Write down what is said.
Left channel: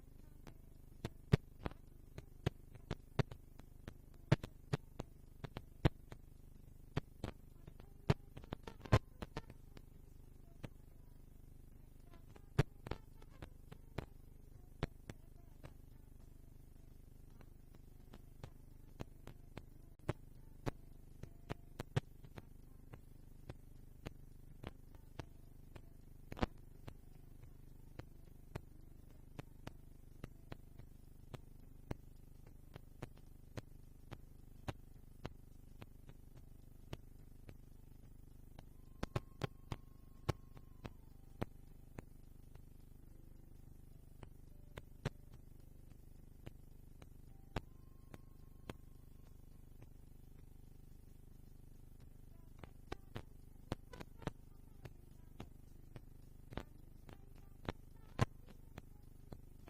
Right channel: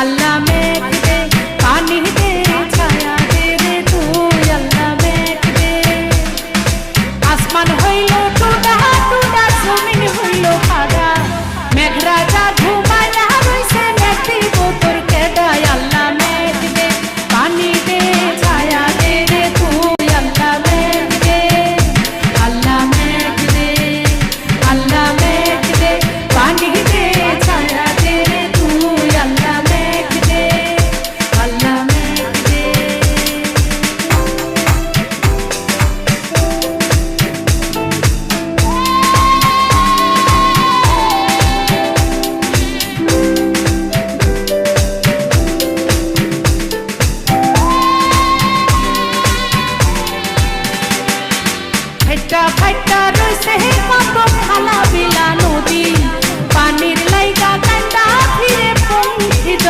আল্লাহ মেঘ দে পানি দে ছায়া দে রে তুই আল্লাহ মেঘ দে আসমান হইল টুডা টুডা জমিন হইল খাড়া মেঘ রাজা ঘুমায়া রইছে মেঘ দিব তোর কেডায় আল্লাহ মেঘ দে পানি দে ছায়া দে রে তুই আল্লাহ মেঘ দে আল্লাহ মেঘ দে আল্লাহ মেঘ দে পানি দে ছায়া দে রে তুই আল্লাহ মেঘ দে আল্লাহ মেঘ দে ফাইটা ফাইটা রইছে